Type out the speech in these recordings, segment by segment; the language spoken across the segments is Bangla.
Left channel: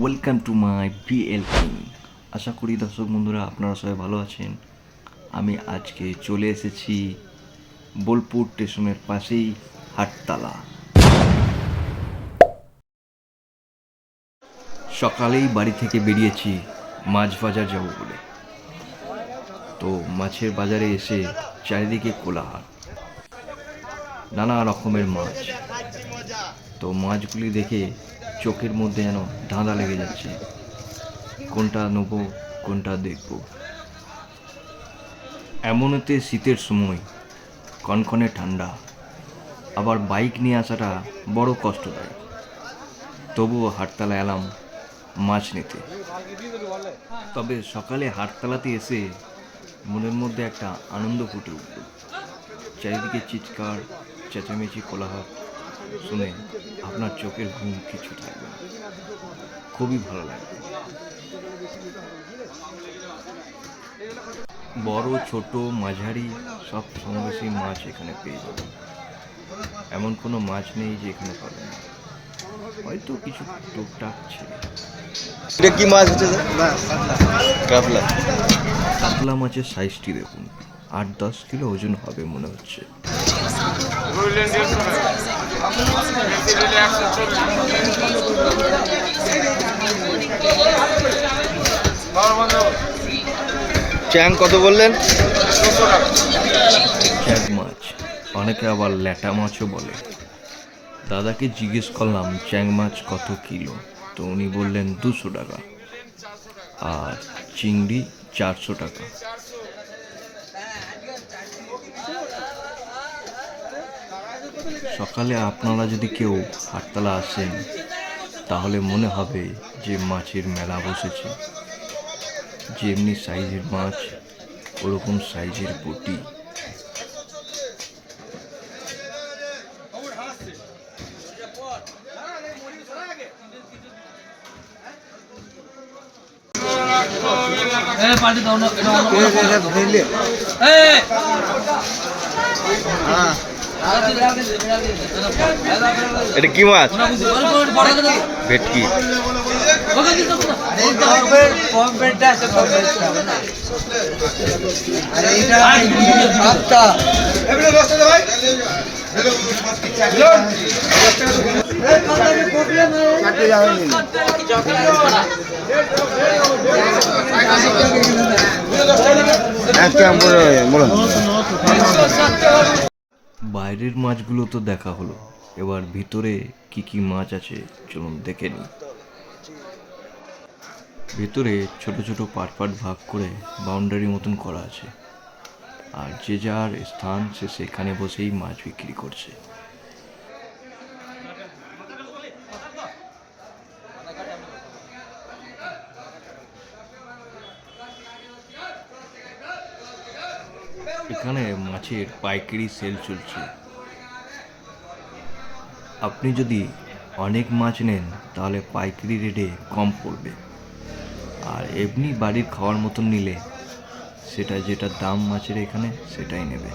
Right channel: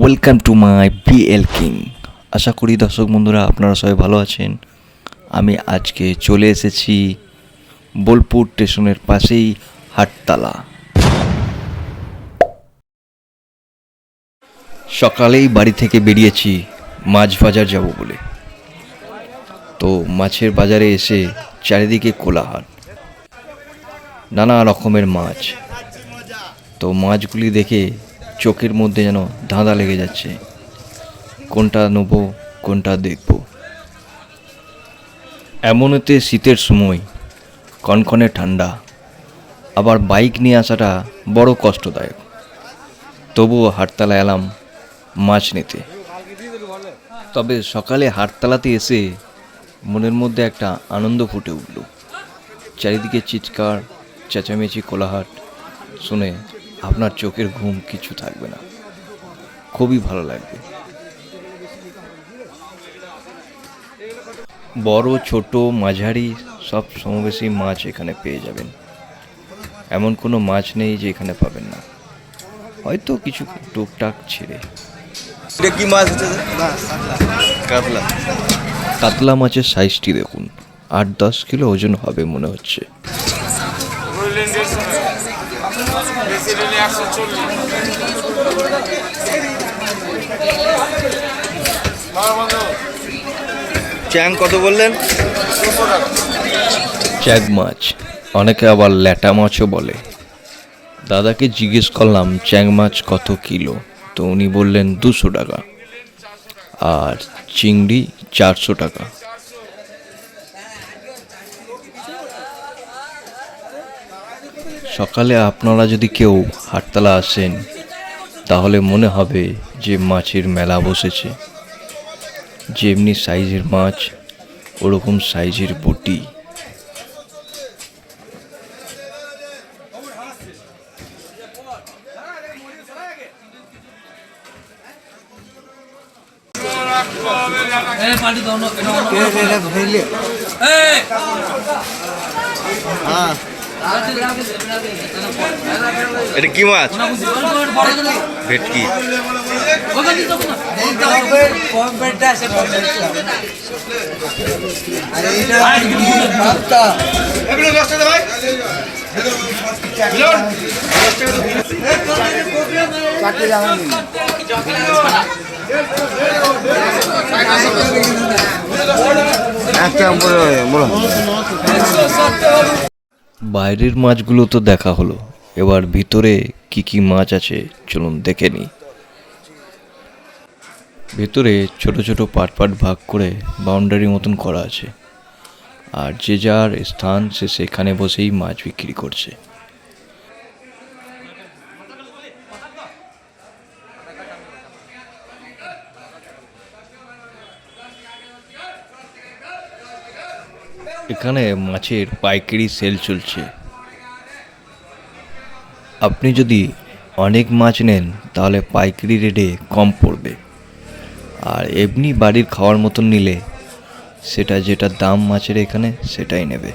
ওয়েলকাম টু মাই বিএল কিং। আশা করি দর্শক বন্ধুরা আপনারা সবাই ভালো আছেন। আমি আজকে চলে এসেছি বোলপুর স্টেশনের পাশেই হাটতলা। সকালেই বাড়ি থেকে বেরিয়েছি মাছ বাজার যাব বলে। তো মাছের বাজারে এসে চারিদিকে কোলাহল, নানা রকমের মাছ। তো মাছগুলি দেখে চোখের মধ্যে যেন ধাঁধা লেগে যাচ্ছে, কোনটা নেবো কোনটা দেখব। এমনতে শীতের সময়, কনকনে ঠান্ডা, আবার বাইক নিয়ে আসাটা বড় কষ্টদায়ক। তবুও হাটতলা এলাম মাছ নিতে। তবে সকালে হাটতলাতে এসে মনের মধ্যে একটা আনন্দ ফুটে উঠল। চারিদিকে চিৎকার চেঁচামেচি কোলাহল শুনে আপনার চোখের ঘুম কিছু থাকবে না, খুবই ভালো লাগবে। বড় ছোট মাঝারি সব সমবেশী মাছ এখানে পেয়ে যাবেন। এমন কোনো মাছ নেই যে এখানে পাবেন না, হয়তো কিছু টুকটাক ছিঁড়ে। কি মাছ হচ্ছে? কাতলা। কাতলা মাছের সাইজটি দেখুন, 8-10 কিলো ওজন হবে মনে হচ্ছে। চ্যাং কত বললেন? চ্যাং মাছ, অনেকে আবার ল্যাটা মাছও বলে। দাদাকে জিজ্ঞেস করলাম চ্যাং মাছ কত কিলো, তো উনি বললেন 200 টাকা, আর চিংড়ি 400 টাকা। সকালে আপনারা যদি কেউ হাটতলা আসেন তাহলে মনে হবে যে মাছের মেলা বসেছে। যেমনি সাইজের মাছ ওরকম সাইজের বটি। এটা কি মাছ? ভেটকি। বাইরের মাছগুলো তো দেখা হলো, এবার ভিতরে কি কি মাছ আছে চলুন দেখে নিই। ভিতরে ছোট ছোট পার্ট পার্ট ভাগ করে বাউন্ডারি মতন করা আছে, আর যে যার স্থান সে সেখানে বসেই মাছ বিক্রি করছে। এখানে মাছের পাইকারি সেল চলছে। আপনি যদি অনেক মাছ নেন তাহলে পাইকারি রেটে কম পড়বে, আর এমনি বাড়ির খাওয়ার মতন নিলে সেটা যেটা দাম মাছের এখানে সেটাই নেবে।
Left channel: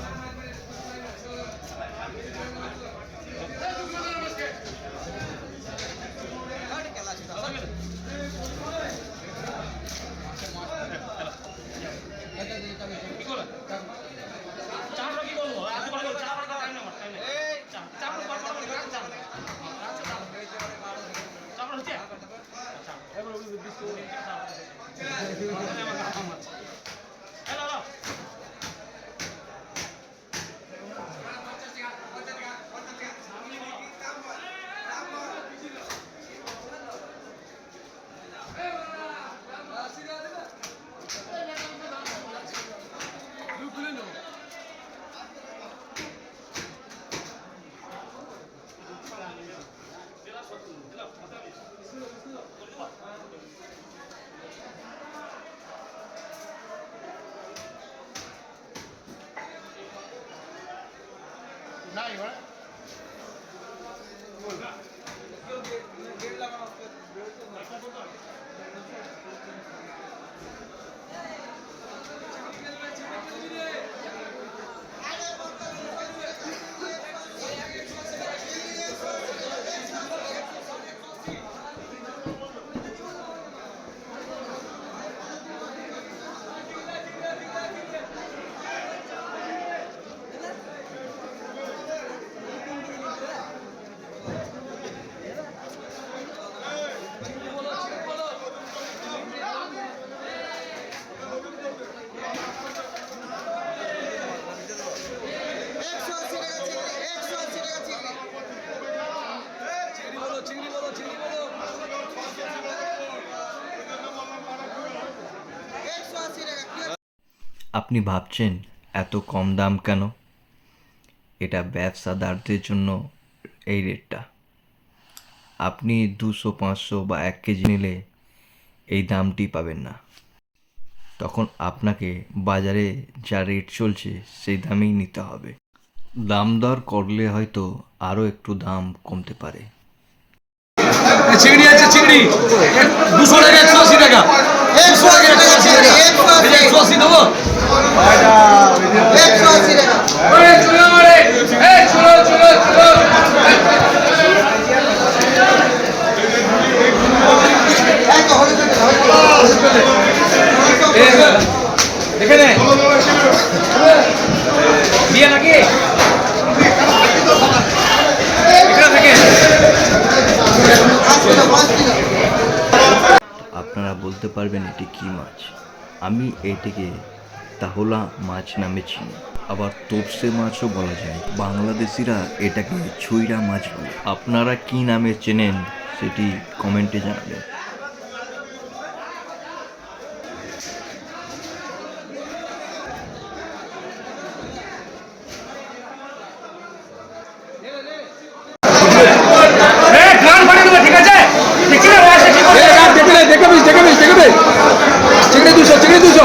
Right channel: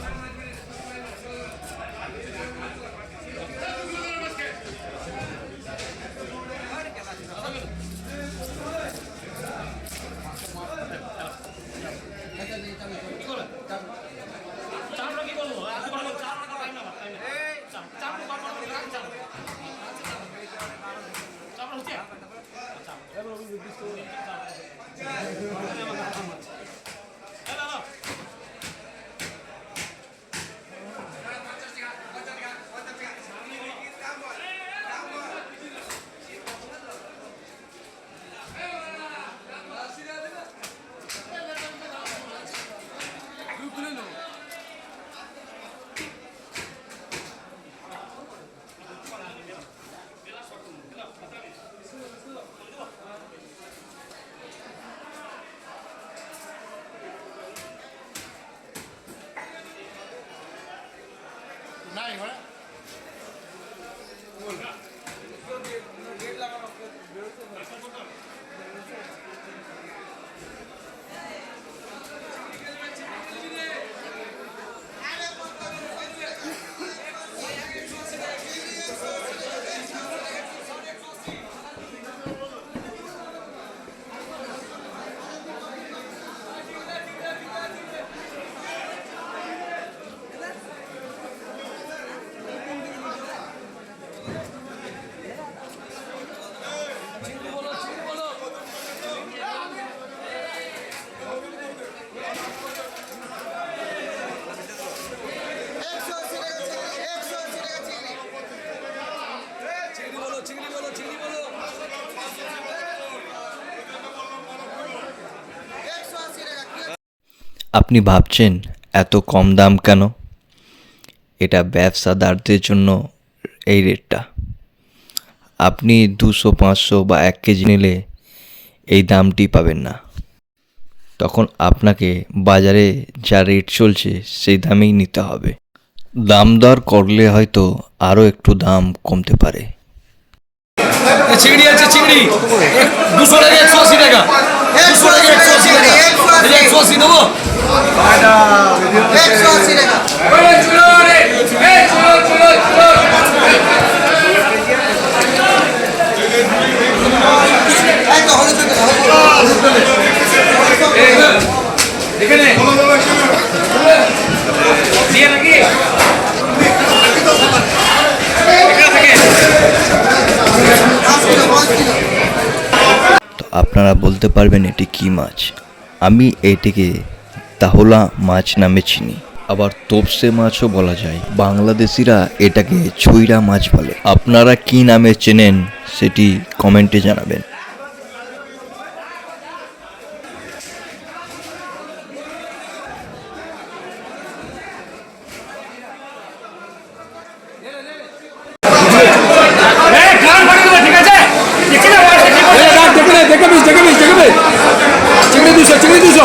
আপনি ভাবছেন এত কম দাম কেন? এটা ব্যবসাদারদের জন্য এই রেটটা। আপনি 200, 500 বা 1 কেজি নিলে এই দামটি পাবেন না। তখন আপনাকে বাজারে যা রেট চলছে সেই দামেই নিতে হবে। দাম দর করলে হয়তো আরও একটু দাম কমতে পারে। চিংড়ি আছে, চিংড়ি 200 টাকা, 180 টাকা, 200 টাকা, 180 টাকা, 180 দেবো। তো আপনারা বলতে পারবেন এটি কী মাছ? আমি এটিকে তাহলা মাছ নামে চিনি, আবার তোপসে মাছও বলা যায়। বাংলাদেশিরা এটাকে ছুইরা মাছ বলে। আপনারা কী নামে চেনেন সেটি কমেন্টে জানাবেন। ঠিক আছে, দেখছি না মাছটা কি করছে। দেখে বিশ, চিংড়ি 200, চিংড়ি 200,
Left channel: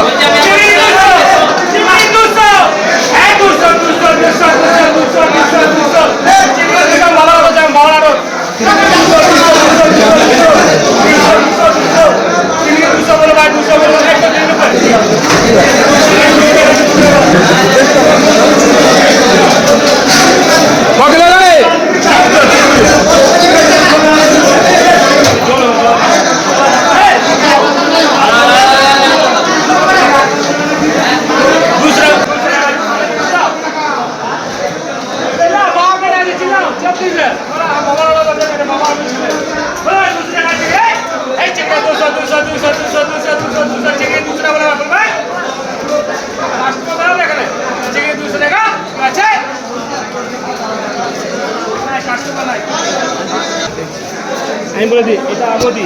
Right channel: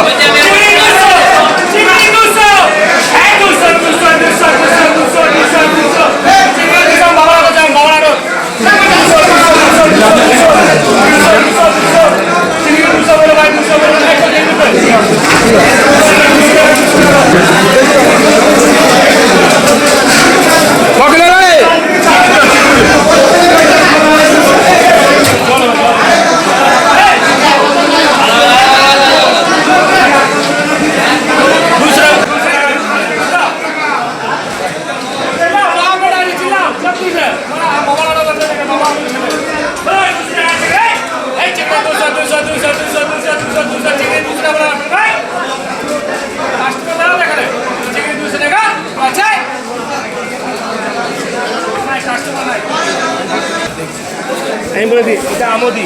আমি বলে দিই এটা আমদি,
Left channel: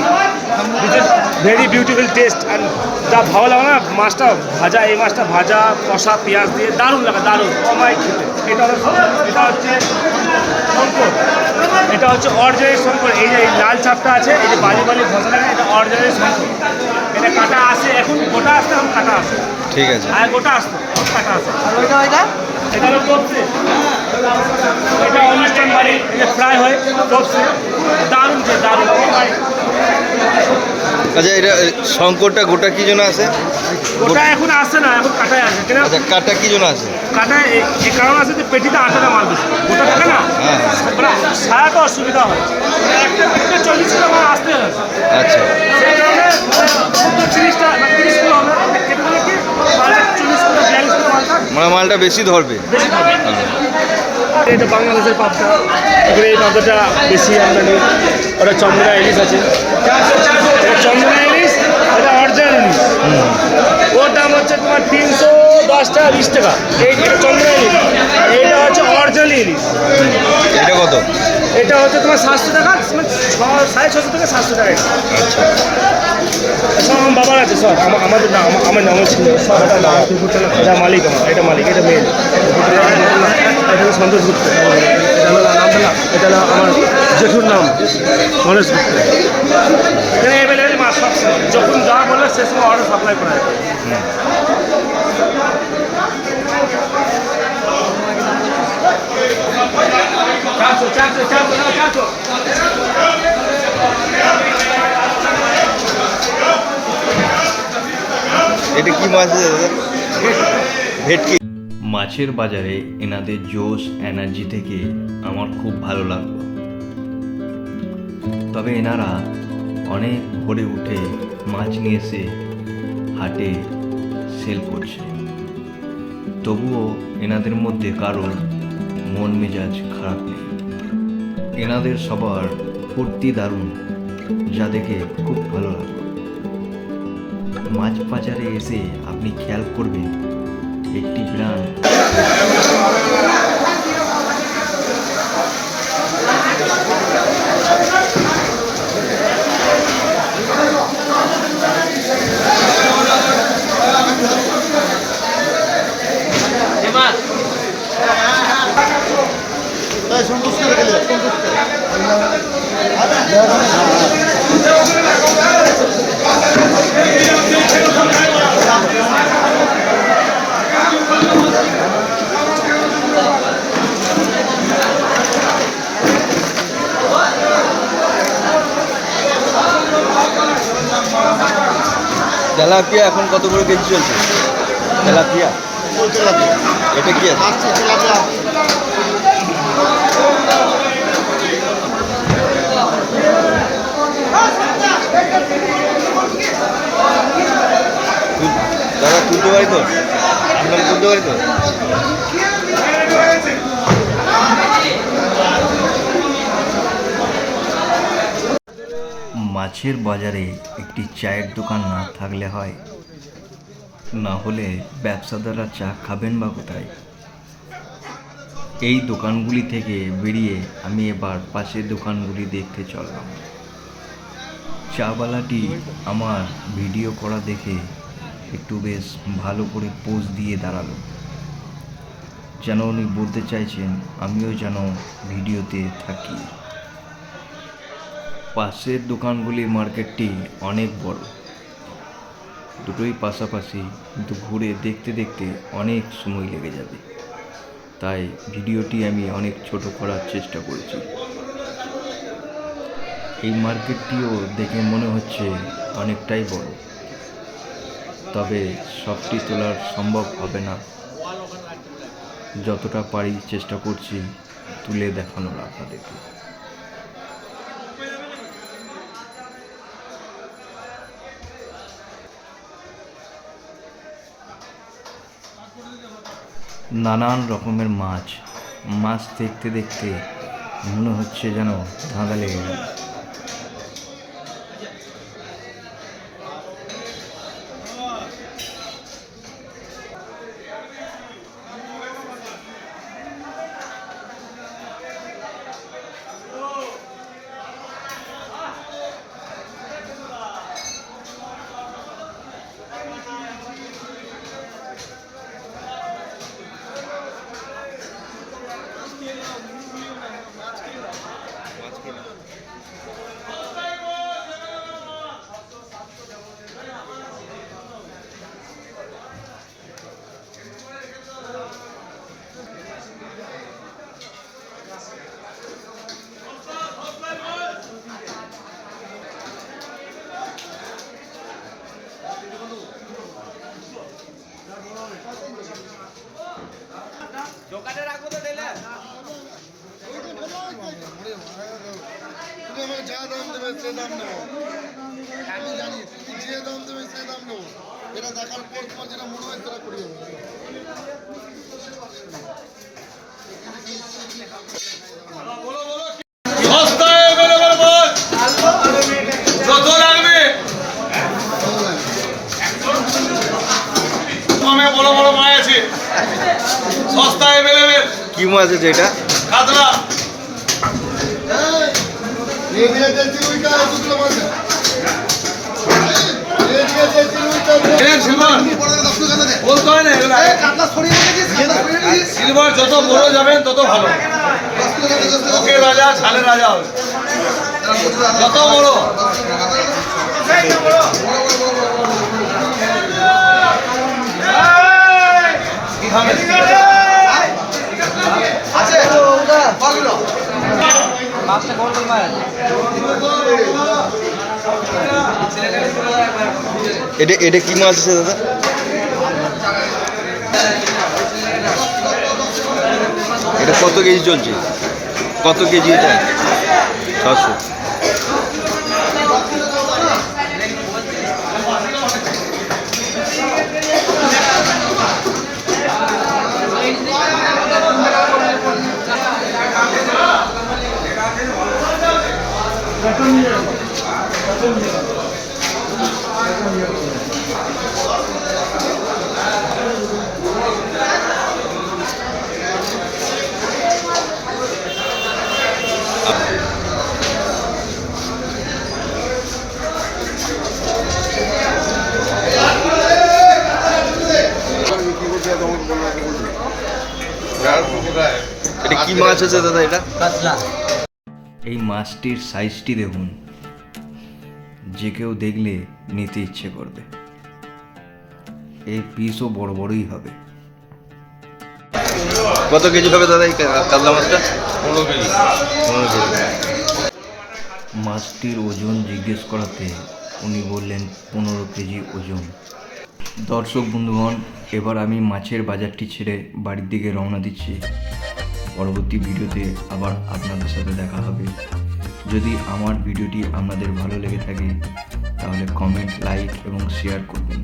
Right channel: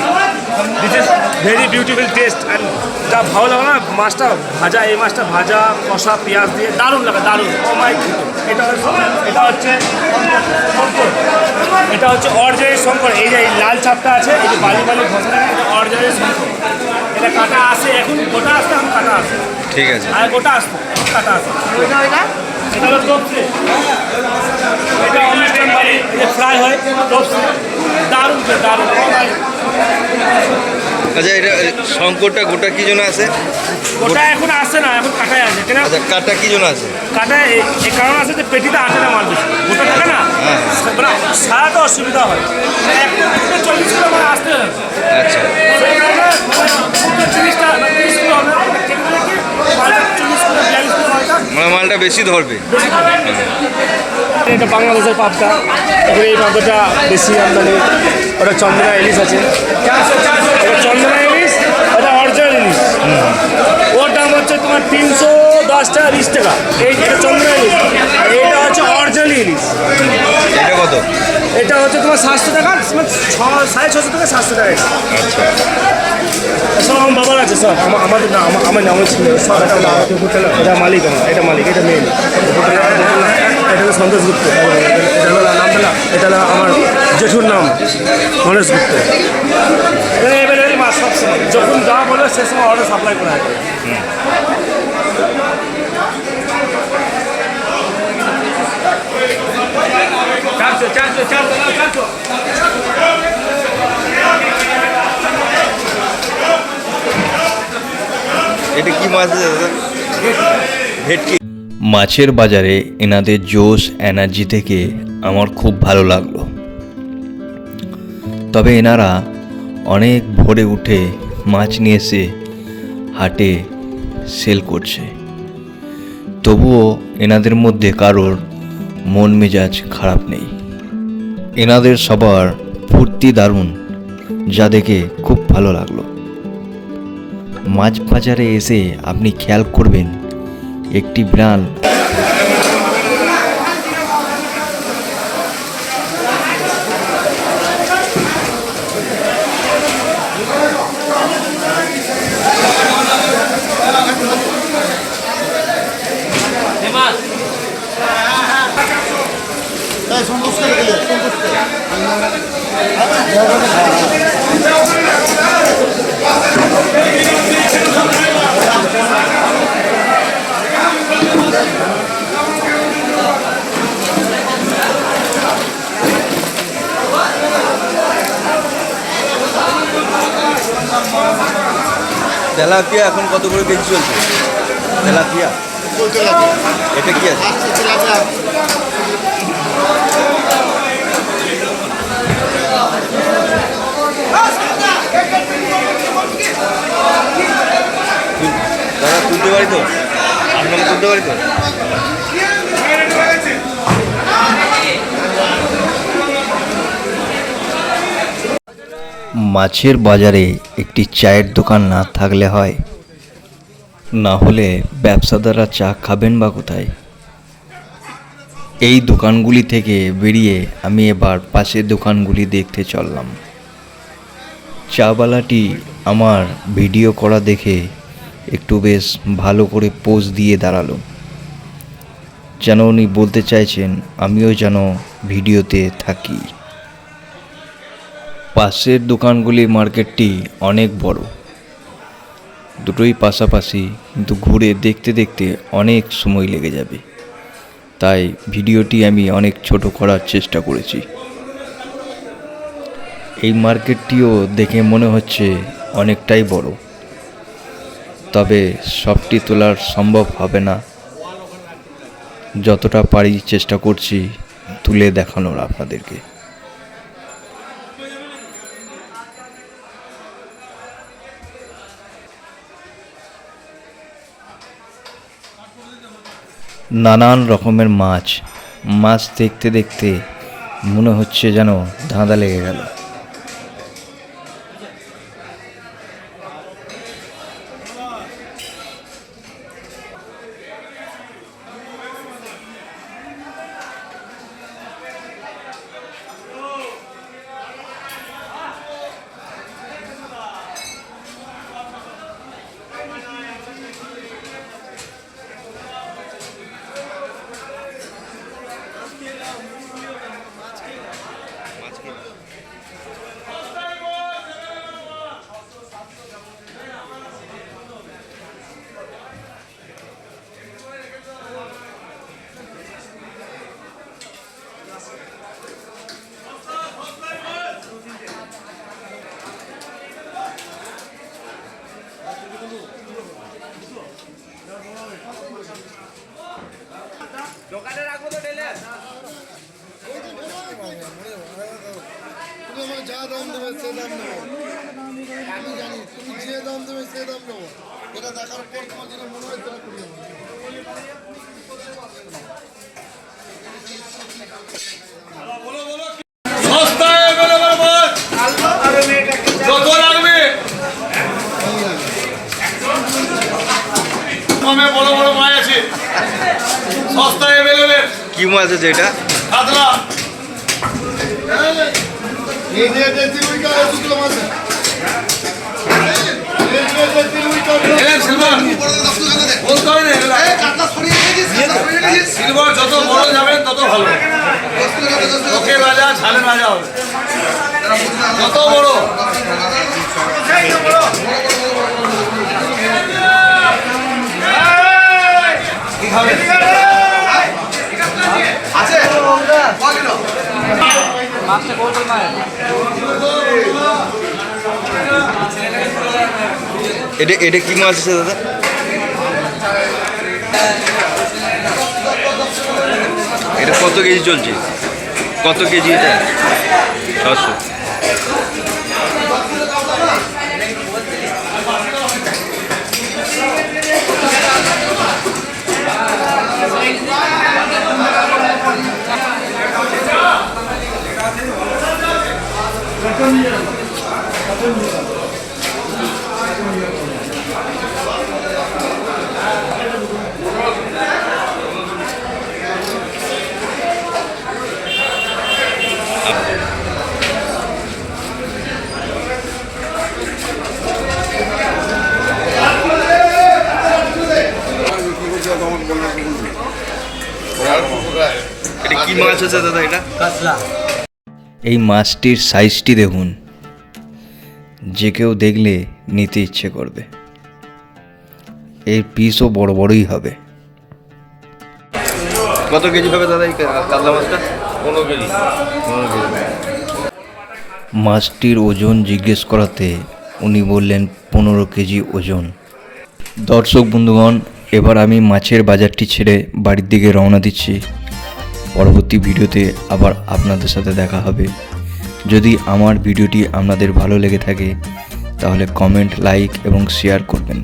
this is very beautiful taste. And যা ভালো লাগে না মাছটা ভাজা, এই মাছটা ভাজা কষা পেঁয়াজ দিয়ে দারুণ লাগে, দারুণ অমাই খেতে। এটা হচ্ছে শঙ্কর, এটা হচ্ছে অরিজিনাল শঙ্কর। এই যে লাল ছাপটা আছে, এই যে বালি বালি ঘষা থাকে, এটা অরিজিনাল শঙ্কর। এটা কাটা আসে, এখন গোটা আসতে এখন কাটা আসে, ঠিক আছে। আর গোটা আসতো এখন কাটা আসে। এটা হলো তোপসে, এটা অনুষ্ঠান বাড়ি ফ্রাই হয় তোপসে, দারুণ খেয়ে দারুণ অমাই। আচ্ছা, এটা শঙ্করটা গোটা কি জন্য আছে? গোটা এখন আসে না, এখন কাটায় আসে। কেন আচ্ছা, কাটা কি জন্য আছে? কাটায় এই কারণ আছে যে পেটিতে আটাটা মাল বেশি, গোটা থাকে না, মানে সারাটা অসুবিধা হয়। মানে একটা পেটিতে 40 কিলো মানে আসতে হবে। আচ্ছা, সেই কারণে খুব তো 30 কিলো হবে, কেটে দিলে কি মালটা 40 কিলো 42 কিলো মালটা মানে মালটা বেশি ধরবে। বেশি হবে। এটা বাংলাদেশের পাবদা, এখানে এই পাবদাটা বেশি আমদানি। ওটা চন্দনা ইলিশ আছে, চন্দনা ইলিশ, ওটা অরিজিনাল ইলিশ। ওর দাম হচ্ছে তোমার 310 টাকা 20 টাকা। এইটা চন্দনা ইলিশ, এইটা হচ্ছে অরিজিনাল ইলিশ। এটা কত? এটা হচ্ছে তোমার 700 টাকা, 650 থেকে 700 টাকা। আচ্ছা, সব আমার বাবার আছে, সব আমাদের না, আমার নামে ছিল সব। এটা মালিক আমার, এটা মালিক, এটা মেয়ে এটা সন্তোষ গুপ্ত, নামটা না, এটা হলো আমার জেঠুর নাম গণেশ গুপ্ত। এখানে এভেলেবেল মাছ যখন যা বলে সে সময় অর্ডার সাপ্লাই করা হয়। চারশো এটা কি মাছ আছে দাদা? ভেটকি। মাছের বাজারে এনাদের জোশ এনার্জি থেকে আমার খুব ভালো লাগলো। তবে এনারা অনেক ভোরে উঠে মাছ নিয়ে এসে হাটে সেল করছে। তবুও এনাদের মধ্যে কারোর মন মেজাজ খারাপ নেই। এনাদের সবার ফুর্তি দারুণ, যা দেখে খুব ভালো লাগলো। মাছ বাজারে এসে আপনি খেয়াল করবেন একটি বিড়াল তেলাপিয়া এখন কত করে কেজি চলছে? তেলাপিয়া এটা কি আছে? দাদা তুলতে পারি তো? আপনাকে তুলতে পারি তো? মাছের বাজারে একটি চায়ের দোকান না থাকলে হয়, না হলে ব্যবসাদাররা চা খাবেন বা কোথায়? এই দোকানগুলি থেকে বেরিয়ে আমি এবার পাশের দোকানগুলি দেখতে চললাম। চাওয়ালাটি আমার ভিডিও করা দেখে একটু বেশ ভালো করে পোজ দিয়ে দাঁড়ালো, যেন উনি বলতে চাইছেন আমিও যেন ভিডিওতে থাকি। পাশের দোকানগুলি মার্কেটটি অনেক বড়, দুটোই পাশাপাশি, কিন্তু ঘুরে দেখতে দেখতে অনেক সময় লেগে যাবে, তাই ভিডিওটি আমি অনেক ছোট করার চেষ্টা করেছি। এই মার্কেটটিও দেখে মনে হচ্ছে অনেকটাই বড়, তবে সবটি তোলার সম্ভব হবে না। যতটা পারি চেষ্টা করছি তুলে দেখানোর আপনাদেরকে। নানান রকমের মাছ দেখতে দেখতে মনে হচ্ছে যেন ধাঁধা লেগে গেল। তুমি যা দাম দেবে সে দাম নেবো, আমি জানি তুমি যে দাম দেবে সে দাম নেবো। এটা দেখার পর তোমার যেটা মনে হয় সেটা করি যাবো। সস্তায় বেরোবার মাছ যত লাগবে কমে বড় বড় মাছ আছে, সস্তায় বেরোবে। কি মাছ আছে এটা? কাতলা এই যে দেখছি ওইটা শুকনো মাছ, এই যে দেখছি ওইটা সিলভার বলতে হয় না, সিলভার যত বড় যাবেন তত ভালো। ওকে রাজা ছাড়ে রাজা হবে, যত বড় এটা কি মাছ আছে দাদা? এটা কত কেজি চলছে? কত কেজি এটা? 600। এটা কি মাছ আছে দাদা? এটা কাতলা এই মাছটির সাইজটি দেখুন, যে কেউ দেখলে নিতে ইচ্ছে করবে। এর পিসও বড় বড়ই হবে। কত কেজি হবে দাদা এই কাতলা মাছটা? 15 কেজি। 15 কেজি। মাছটির ওজন জিজ্ঞেস করাতে উনি বললেন 15 কেজি ওজন। দর্শক বন্ধুগণ, এবার আমি মাছের বাজারটি ছেড়ে বাড়ির দিকে রওনা দিচ্ছি। পরবর্তী ভিডিওতে আবার আপনাদের সাথে দেখা হবে। যদি আমার ভিডিওটি আপনাদের ভালো লেগে থাকে তাহলে কমেন্ট, লাইক এবং শেয়ার করবেন।